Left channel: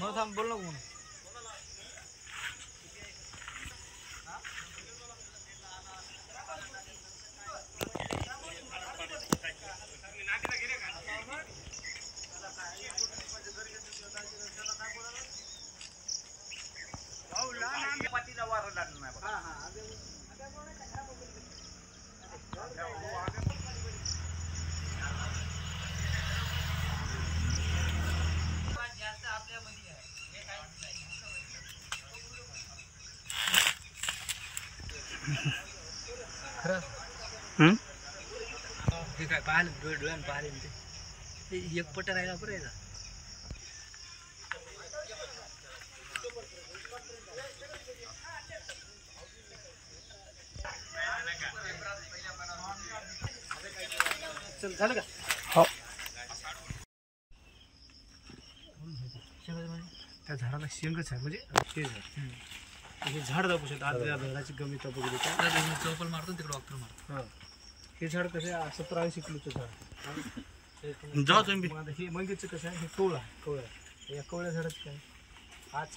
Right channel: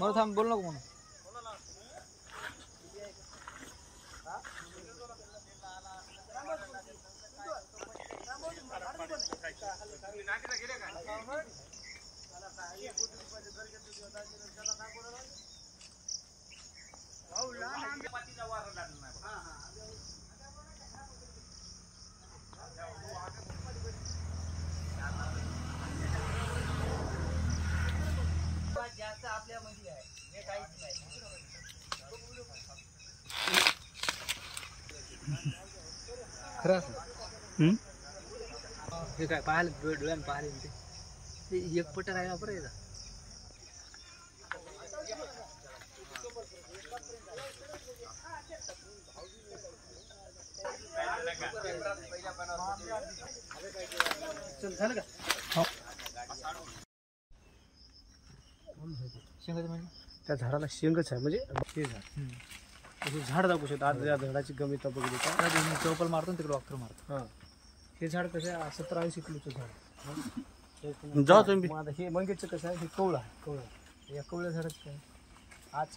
मग थांब बोल नको मग. हे काय पाहिलं डोळ्यानं पाहिले ते एक पट राहिला बरं याचा. चल झालं का? हो. शेंगाचं म्हणजे त्या झाडाला शेंगच आहे म्हणजे ते झाड हे झाड दाखवू शकतो. आज या झाडाची गमिता बघितली का चौपल मारतो तिकडे वाक्र मारतो. हां हे झाड कसं आहे 70-80 किलोचं झाड. जाऊ तुम्ही. हे मंगेचं कसं आहे हे कवळं आहे. कवळं या कवळ्या झाडाचं काय आज